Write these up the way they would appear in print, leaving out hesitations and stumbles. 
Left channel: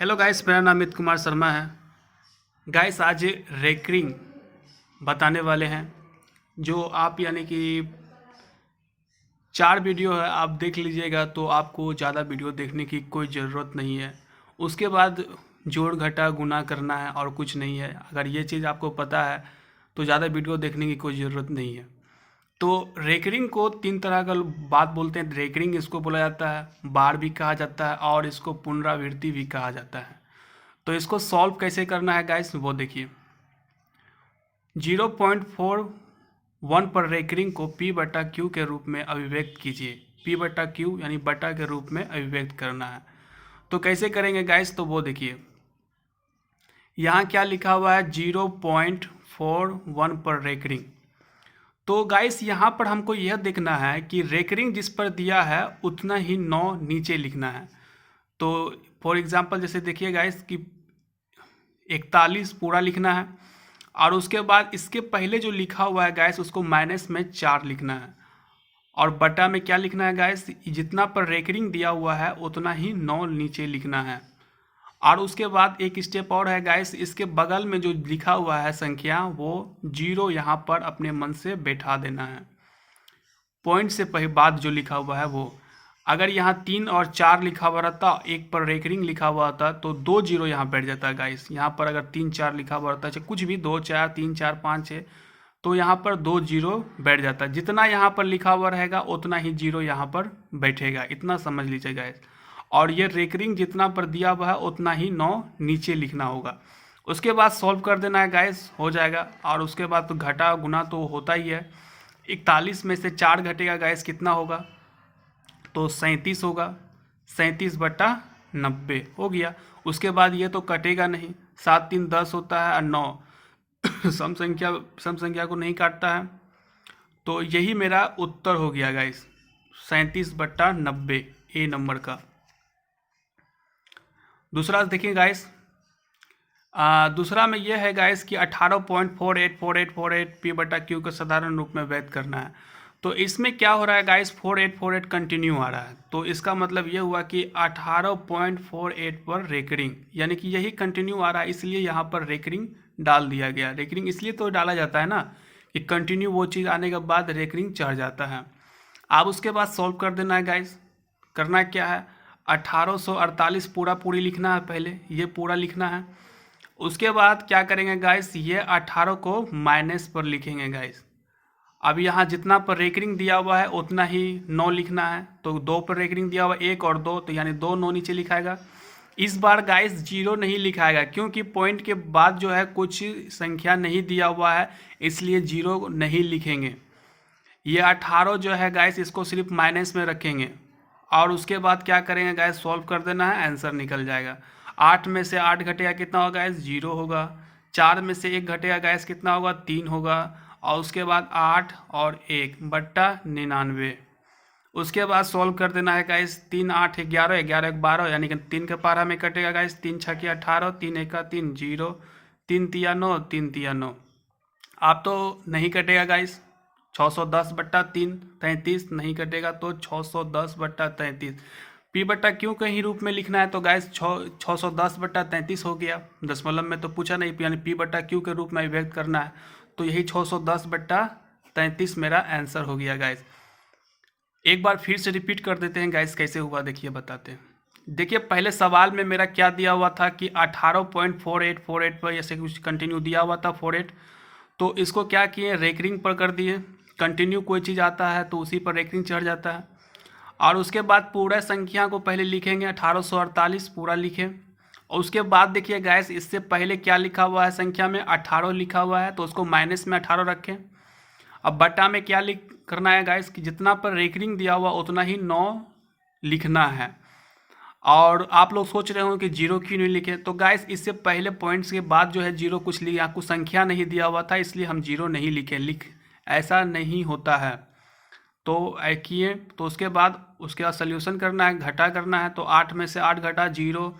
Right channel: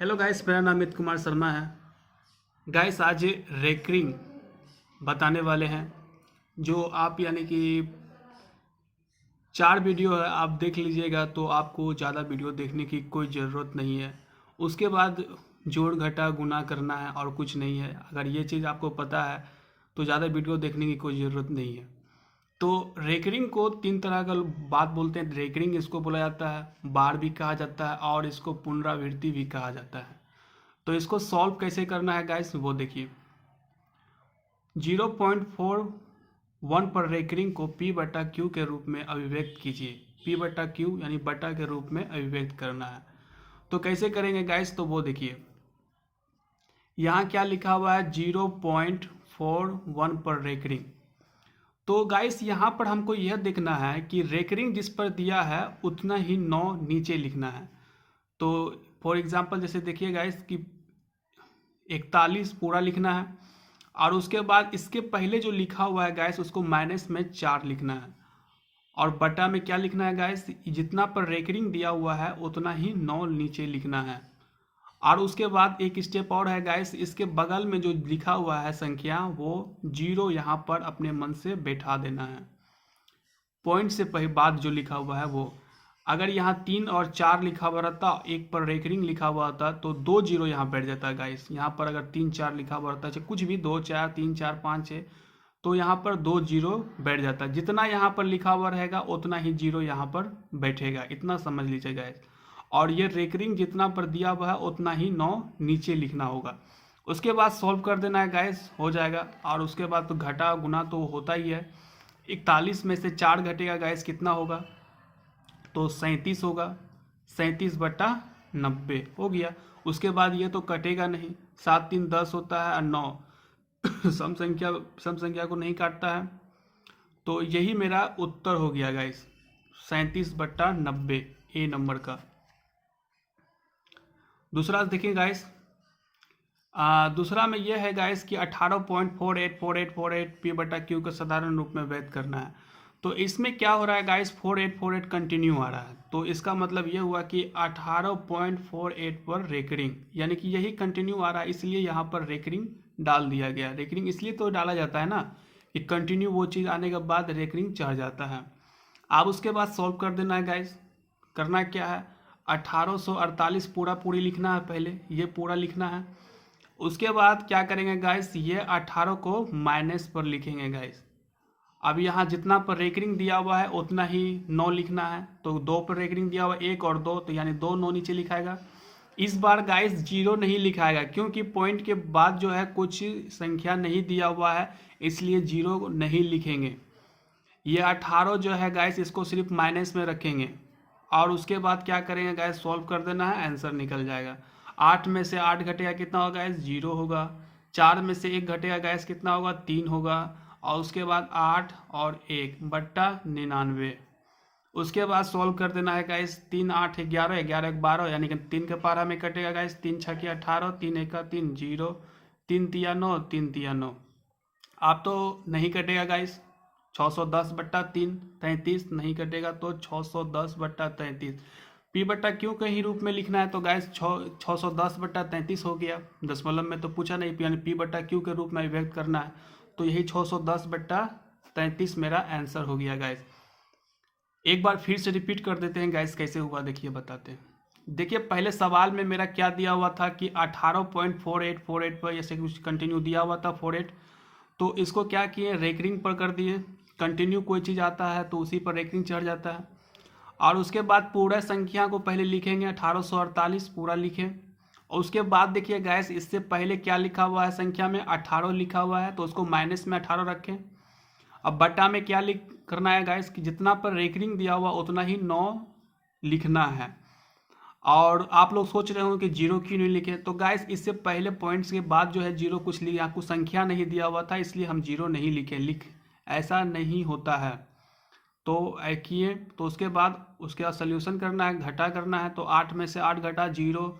Hello guys, मेरा नाम अमित कुमार शर्मा है। गाइस आज रेकरिंग बताने वाले हैं, जो आप यानी कि 4 वीडियो है, आप देख लीजिएगा तो आपको ज़्यादा वीडियो देखने की कोई ज़रूरत नहीं है। उसके बाद जोड़ घटा गुना करना है और कुछ नहीं है। अगर ये चीज़ आपको पता है तो ज़्यादा वीडियो देखने की कोई ज़रूरत नहीं है। तो रेकरिंग को 3 तरह का बात बोलते हैं। रेकरिंग इसको बोला जाता है, बार भी कहा जाता है और इसको पुनरावृत्ति भी कहा जाता है। तो इसको सॉल्व कैसे करना है गाइस, वो देखिए। 0.41 पर रेकरिंग को P बटा क्यू के रूप में अभिव्यक्त कीजिए। P बटा क्यू यानी बटा के रूप में अभिव्यक्त करना है। तो कैसे करेंगे गाइस, तो वो देखिए। यहाँ क्या लिखा हुआ है, 0.41 पर रेकरिंग। तो गाइस यहाँ पर हमको यह देखना है कि रेकरिंग जिस पर दिया है उतना ही 9 नीचे लिखना है। तो फॉर एग्जांपल जैसे देखिए गाइस कि 41 पूरा लिखना है और उसके बाद इसके पहले जो लिखा हुआ है गाइस उसको माइनस में 4 लिखना है और बटा में क्या लिखना है गाइस, जितना पर रेकरिंग दिया हुआ है उतना ही 9 नीचे लिखना है। और उसके बाद एक स्टेप और है गाइस, इसके बगल में जो लिखा हुआ है संख्या वो 0 यहाँ पर अपने मन से बैठा देना है। पॉइंट से पहले बाद जो लिखा हुआ है वो, अगर यहाँ 3 और 4 लिखा हुआ रहता, एक पर रेकरिंग लिखा हुआ होता तो 2 0 यहाँ बैठ जाता गाइस। यहाँ पर अगर 3 4 लिखा हुआ रहता, चाहे कुछ भी 2 4 3 4 5 6, तो यहाँ पर 2 0 बैठ जाता। जितना यहाँ पर लिखा हुआ रहेगा उतना ही 0 यहाँ पर बैठेगा, इतना समझ लीजिए गाइस। और ये रेकरिंग जितना पर दिया हुआ है उतना ही 9 नीचे लिखना होगा। उसके बाद सॉल्व कर देना है गाइस, हो जाएगा। और उसके बाद तो घटा गुना तो होता ही है। 41 में से 4 घटेगा गाइस, कितना होगा, तो 37 होगा। 37 बटा 90 हो गया। उसके बाद ये तो कटेगा नहीं, 7 3 10 होता है और 9 सम संख्या को नहीं काटता है। तो यही मेरा उत्तर हो गया गाइस, 37 बटा 90 ए नंबर का। दूसरा देखिए गाइस, दूसरा में यह है गाइस कि 18.484848 पी बटा क्यू को साधारण रूप में व्यक्त करना है। तो इसमें क्या हो रहा है गाइस, 4848 कंटिन्यू आ रहा है। तो इसका मतलब ये हुआ कि 18.48 पर रेकरिंग, यानी कि यही कंटिन्यू आ रहा है, इसलिए यहाँ पर रेकरिंग डाल दिया गया। रेकरिंग इसलिए तो डाला जाता है ना कि कंटिन्यू वो चीज़ आने के बाद रेकरिंग चढ़ जाता है। अब उसके बाद सॉल्व कर देना है गाइस। करना क्या है, 1848 पूरा पूरी लिखना है, पहले ये पूरा लिखना है। उसके बाद क्या करेंगे गाइस, ये 18 को माइनस पर लिखेंगे गाइस। अब यहाँ जितना पर रेकरिंग दिया हुआ है उतना ही 9 लिखना है। तो 2 पर रेकरिंग दिया हुआ 1 और 2, तो यानी 2 9 नीचे लिखाएगा। इस बार गाइस 0 नहीं लिखाएगा, क्योंकि पॉइंट के बाद जो है कुछ संख्या नहीं दिया हुआ है, इसलिए 0 नहीं लिखेंगे। ये 18 जो है गाइस इसको सिर्फ माइनस में रखेंगे। और उसके बाद क्या करेंगे गाइस, सॉल्व कर देना है, आंसर निकल जाएगा। 8 में से 8 घटेगा, कितना होगा गाइस, 0 होगा। 4 में से 1 घटेगा गाइस, कितना होगा, 3 होगा। और उसके बाद 8 और 1 बट्टा 99। उसके बाद सॉल्व कर देना है गाइस, 3 8 11 11 1 12, यानी कि 3 के पारा में कटेगा गाइस, 3 6 18, 3 1 3 0, 3 3 9, 3 3 9। आप तो नहीं कटेगा गाइस, 610 बट्टा 3 33 नहीं कटेगा, तो 610 बट्टा 33 पी बट्टा क्यू के ही रूप में लिखना है। तो गाइस 610 बट्टा 33 हो गया। दशमलव में तो पूछा नहीं, यानी पी बट्टा क्यू के रूप में व्यक्त करना है। तो यही 610 बट्टा 33 मेरा आंसर हो गया गाइस। एक बार फिर से रिपीट कर देते हैं गाइस, कैसे हुआ देखिए, बताते हैं। देखिए पहले सवाल में मेरा क्या दिया हुआ था कि 18.4848 पर ऐसे कुछ कंटिन्यू दिया हुआ था 48। तो इसको क्या किए, रेकरिंग पर कर दिए। कंटिन्यू कोई चीज़ आता है तो उसी पर रेकरिंग चढ़ जाता है। और उसके बाद पूरा संख्या को पहले लिखेंगे, 1848 पूरा लिखें। और उसके बाद देखिए गैस, इससे पहले क्या लिखा हुआ है संख्या में, 18 लिखा हुआ है, तो उसको माइनस में 18 रखें। अब बटा में क्या लिख करना है गैस, कि जितना पर रेकरिंग दिया हुआ उतना ही 9 लिखना है। और आप लोग सोच रहे हो कि 0 क्यों नहीं लिखे, तो गाइस इससे पहले पॉइंट्स के बाद जो है 0 कुछ लिखा, कुछ संख्या नहीं दिया हुआ था, इसलिए हम 0 नहीं लिखे। ऐसा नहीं होता है। तो किए, तो उसके बाद सोल्यूशन करना है, घटा करना है। तो 8 में से 8 घटा 0,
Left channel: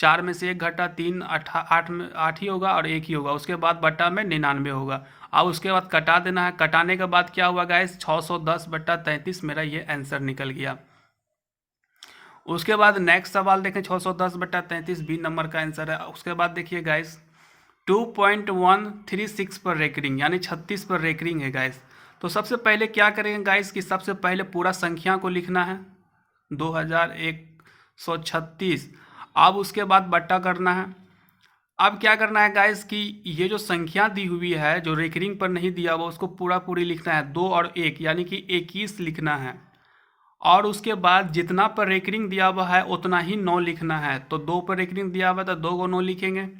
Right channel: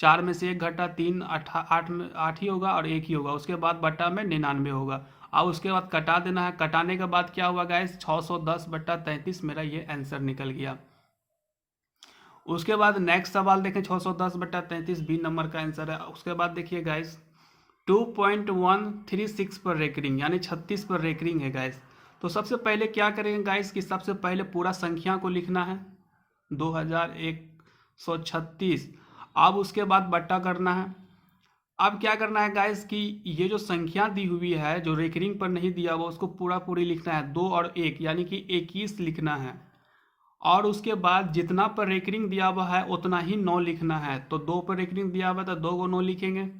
4 में से 1 घटा 3, 8 में 8 ही होगा और 1 ही होगा। उसके बाद बटा में 99 होगा। अब उसके बाद कटा देना है। कटाने के बाद क्या हुआ गाइस, 610/33 मेरा ये आंसर निकल गया। उसके बाद नेक्स्ट सवाल देखें, 610/33 बी नंबर का आंसर है। उसके बाद देखिए गाइस 2.136 पर रेकरिंग, यानी 36 पर रेकरिंग है गाइस। तो सबसे पहले क्या करेंगे गाइस कि सबसे पहले पूरा संख्या को लिखना है 2136। अब उसके बाद बट्टा करना है। अब क्या करना है गाइस कि ये जो संख्या दी हुई है, जो रेकरिंग पर नहीं दिया हुआ, उसको पूरा पूरी लिखना है, 2 और 1 यानी कि 21 लिखना है। और उसके बाद जितना पर रेकरिंग दिया हुआ है उतना ही 9 लिखना है। तो 2 पर रेकरिंग दिया हुआ है तो 2 को 9 लिखेंगे।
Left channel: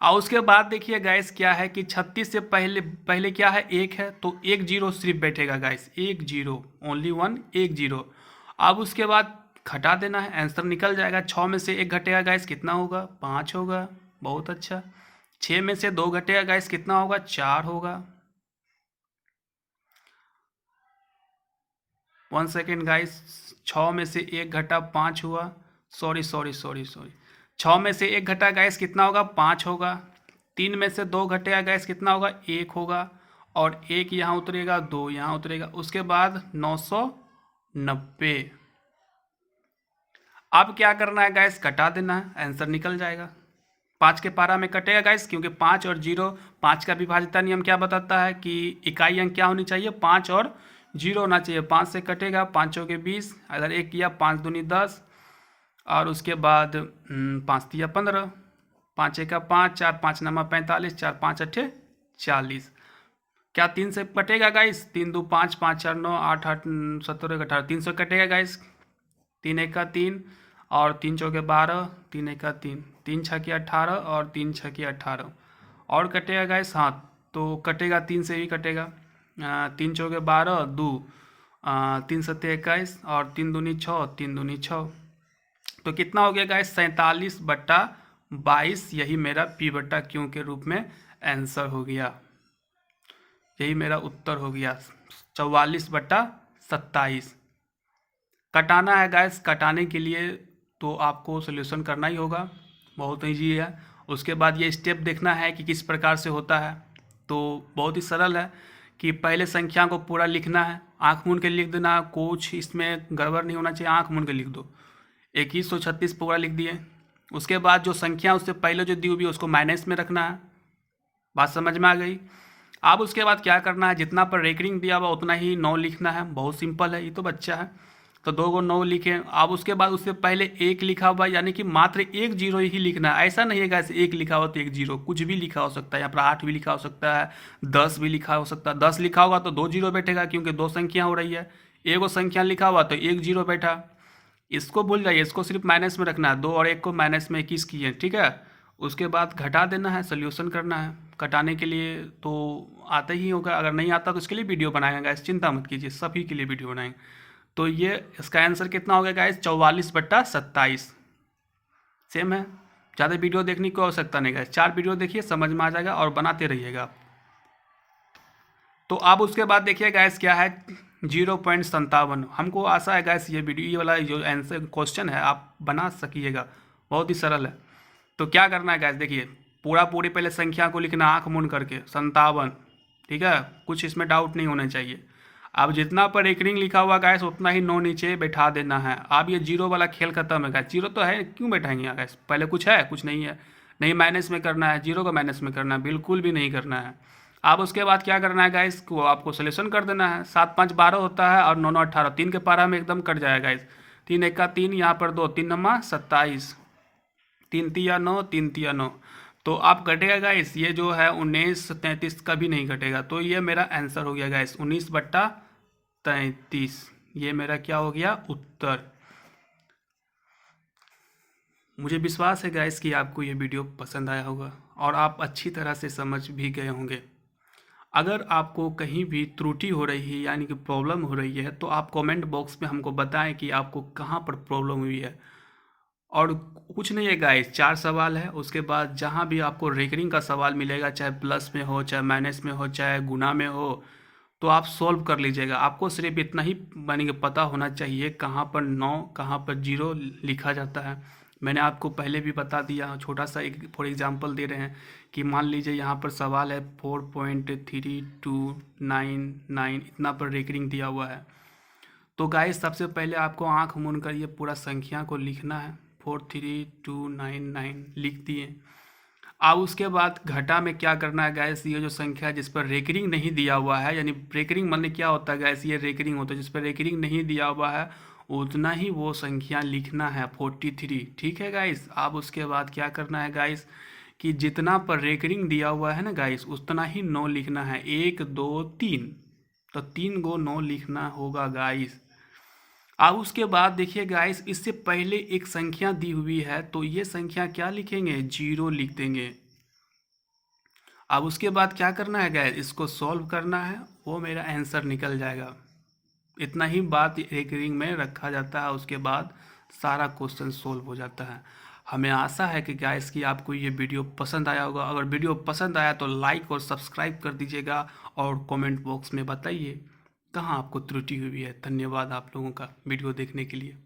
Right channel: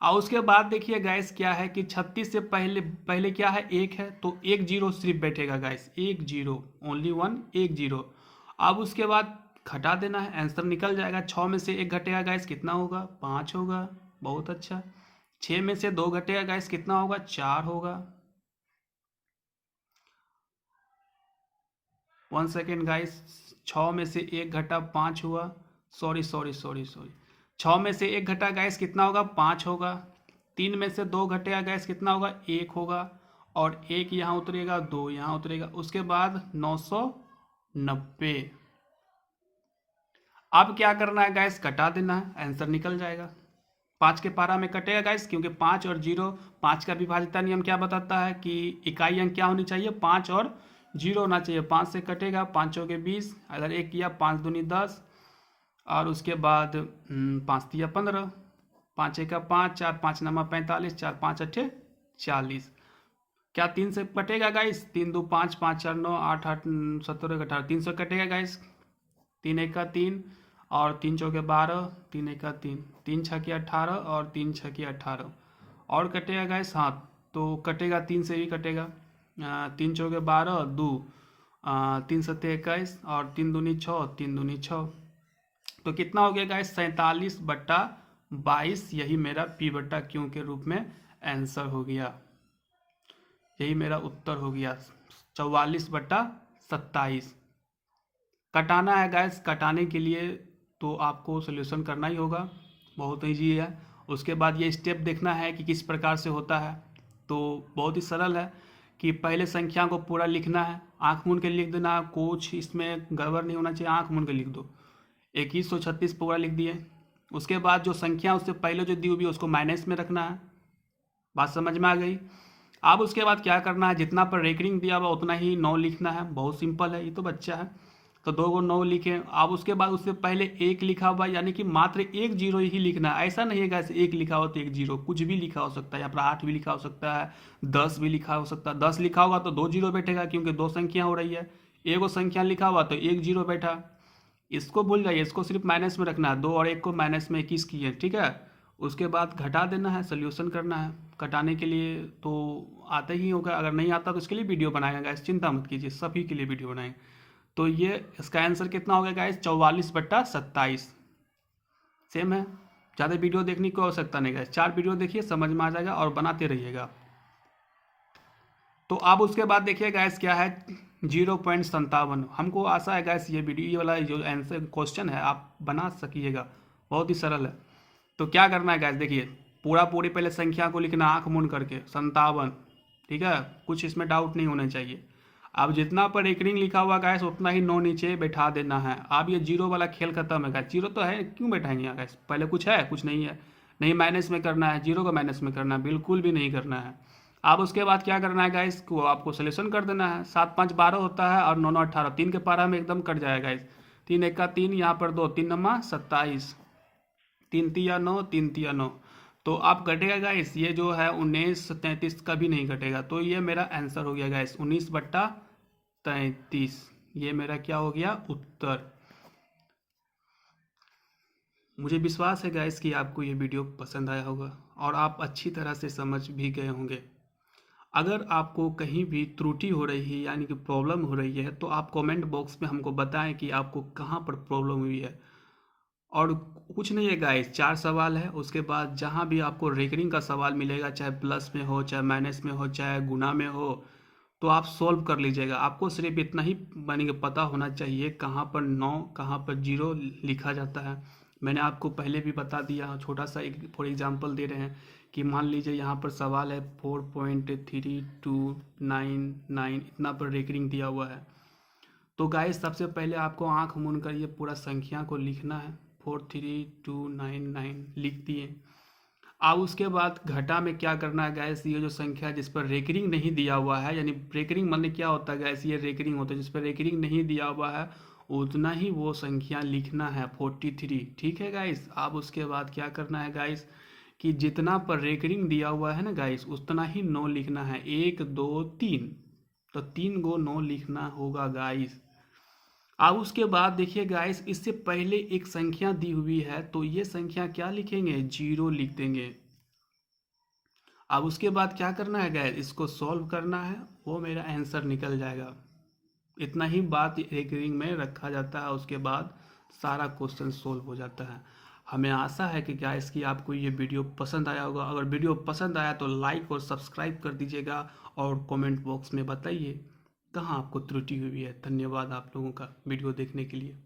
और उसके बाद देखिए गाइस क्या है कि 36 से पहले पहले क्या है, 1 है, तो 1 0 सिर्फ बैठेगा गाइस, 1 0, ओनली 1, 1 0। अब उसके बाद घटा देना है, आंसर निकल जाएगा। 6 में से 1 घटेगा गाइस, कितना होगा, 5 होगा। बहुत अच्छा। 6 में से 2 घटेगा गाइस, कितना होगा, 4 होगा। 1 सेकेंड गाइस, 6 में से 1 घटा 5 हुआ, सॉरी 6 में से 1 घटा गाइस, कितना होगा, 5 होगा। 3 में से 2 घटेगा गाइस, कितना होगा, 1 होगा। और 1 यहाँ उतरेगा, 2 यहाँ उतरेगा। उसके बाद 990। अब क्या करना है गाइस, कटा देना है, आंसर निकल जाएगा। 5 के पारा में कटेगा गाइस, क्योंकि 5 और 0, 5 का विभाज्यता नियम क्या बताता है कि इकाई अंक क्या होनी चाहिए, 5 और 0 होना चाहिए। 5 से कटेगा, 5 के 20, अगर 1 किया 5 दूनी 10, और उसके बाद 5 तिया 15, 5 1 5, 4 5 9 45, 4 5 8 40। क्या 3 से कटेगा गाइस, 3 2 5, 5 4 9, 8 8 17 18, 3 से कटेगा गाइस, 3 1 3, और 3 चौके 12, 3 1 3, 3 6 18, और 3 6 18। और कटेगा गाइस, हाँ तो कटेगा, 3 से भी कटेगा। 3 चौके 12, 2, 3 7 21, और 3 दूनी 6, 3 दूनी 6। तो कितना हो गया गाइस, 47/22। यही मेरा P/Q के रूप में आंसर हो गया। यही मेरा उत्तर हो गया, 44/27। कटाना है गाइस, कटाने के लिए तो आपको सोल्यूशन करना ही होगा, बहुत ईजी है। उसके बाद ये स्टेप देखना है कि किस प्रकार से होता है। तो बहुत ही सरल है कि पहले संख्या को पूरा लिखना है, आँख मूंद के लिख देना, कुछ इसमें गड़बड़ नहीं होना चाहिए, आँख मूंद के लिख दो। 2136 पूरा लिख दिए। उसके बाद जो संख्या उससे पहले जो दी हुई है उसको माइनस में रखना है। बात समझ में आ गई। अब उसके बाद क्या करना है, जितना पर रेकरिंग दिया हुआ उतना ही 9 लिखना है। बहुत सिंपल है, ये तो बच्चा है, तो 2 को 9 लिखें। अब उसके बाद उससे पहले 1 लिखा हुआ, यानी कि मात्र 1 0 ही लिखना है। ऐसा नहीं है ऐसे 1 लिखा हो तो 1 0, कुछ भी लिखा हो सकता है। यहाँ पर 8 भी लिखा हो सकता है, 10 भी लिखा हो सकता है। 10 लिखा होगा तो 2 0 बैठेगा, क्योंकि 2 संख्या हो रही है। एक संख्या लिखा हुआ तो 1 0 बैठा। इसको भूल जाइए, इसको सिर्फ माइनस में रखना है। 2 और 1 को माइनस में 21 किए, ठीक है। उसके बाद घटा देना है, सोल्यूशन करना है। कटाने के लिए तो आता ही होगा, अगर नहीं आता तो इसके लिए वीडियो बनाएंगे गाइस, चिंता मत कीजिए, सभी के लिए वीडियो बनाएंगे। तो ये इसका आंसर कितना हो गया गाइस, 44/27। सेम है, ज़्यादा वीडियो देखने की आवश्यकता नहीं गाइस, 4 वीडियो देखिए, समझ में आ जाएगा, और बनाते रहिएगा। तो अब उसके बाद देखिए गाइस क्या है, 0.57। हमको आशा है गाइस ये वाला जो आंसर क्वेश्चन है आप बना सकिएगा, बहुत ही सरल है। तो क्या करना है गाइस, देखिए पूरी पहले संख्या को लिखना आँख मूंद करके, 57, ठीक है, कुछ इसमें डाउट नहीं होना चाहिए। अब जितना पर रेकरिंग लिखा हुआ गाइस उतना ही 9 नीचे बैठा देना है। अब ये 0 वाला खेल खत्म है गाइस, 0 तो है, क्यों बैठाएंगे यहाँ गाइस, पहले कुछ है, कुछ नहीं है। नहीं माइनस में करना है, 0 को माइनस में करना है, बिल्कुल भी नहीं करना है। अब उसके बाद क्या करना है गाइस, को आपको सोल्यूशन कर देना है। 7 5 12 होता है, और 9 9 18, 3 के पारा में एकदम कट जाएगा गाइस। 3 1 3, यहाँ पर 2, 3 9 27, 3 तिया 9, 3 तिया 9। तो आप कटेगा गाइस, ये जो है 19 33 कभी नहीं कटेगा। तो ये मेरा आंसर हो गया गाइस, 19/33। ये मेरा क्या हो गया, उत्तर। मुझे विश्वास है गाइस कि आपको ये वीडियो पसंद आया होगा, और आप अच्छी तरह से समझ भी गए होंगे। अगर आपको कहीं भी त्रुटि हो रही है, यानी कि प्रॉब्लम हो रही है, तो आप कमेंट बॉक्स में हमको बताएं कि आपको कहाँ पर प्रॉब्लम हुई है। और कुछ नहीं है गाइस, 4 सवाल है। उसके बाद जहाँ भी आपको रेकरिंग का सवाल मिलेगा, चाहे प्लस में हो, चाहे माइनस में हो, चाहे गुना में हो, तो आप सॉल्व कर लीजिएगा। आपको सिर्फ इतना ही मानी कि पता होना चाहिए कहाँ पर 9 कहाँ पर 0 लिखा जाता है। मैंने आपको पहले भी बता दिया, छोटा सा एक फॉर एग्जांपल दे रहे हैं कि मान लीजिए यहाँ पर सवाल है 4.3299 इतना पर रेकरिंग दिया हुआ है। तो गाइस सबसे पहले आपको आंख मूंद कर ये पूरा संख्या को लिखना है, 43299 लिख दिए। अब उसके बाद घटा में क्या करना है गाइस, ये जो संख्या जिस पर रेकरिंग नहीं दिया हुआ है, यानी रेकरिंग मतलब क्या होता है गाइस, ये रेकरिंग होता है जिस पर रेकरिंग नहीं दिया हुआ है उतना ही वो संख्या लिखना है 43। ठीक है गाइस। अब उसके बाद क्या करना है गाइस कि जितना पर रेकरिंग दिया हुआ है ना गाइस उतना ही 9 लिखना है, 1 2 3, तो 3 गो 9 लिखना होगा गाइस। अब उसके बाद देखिए गाइस इससे पहले एक संख्या दी हुई है तो ये संख्या क्या लिखेंगे, 0 लिख देंगे। अब उसके बाद क्या करना है गाइस, इसको सॉल्व करना है, वो मेरा आंसर निकल जाएगा। इतना ही बात रेकरिंग में रखा जाता है, उसके बाद सारा क्वेश्चन सॉल्व हो जाता है। हमें आशा है कि गाइस कि आपको ये वीडियो पसंद आया होगा। अगर वीडियो पसंद आया तो लाइक और सब्सक्राइब कर दीजिएगा और कमेंट बॉक्स में बताइए कहाँ आपको त्रुटि हुई है। धन्यवाद आप लोगों का वीडियो देखने के लिए।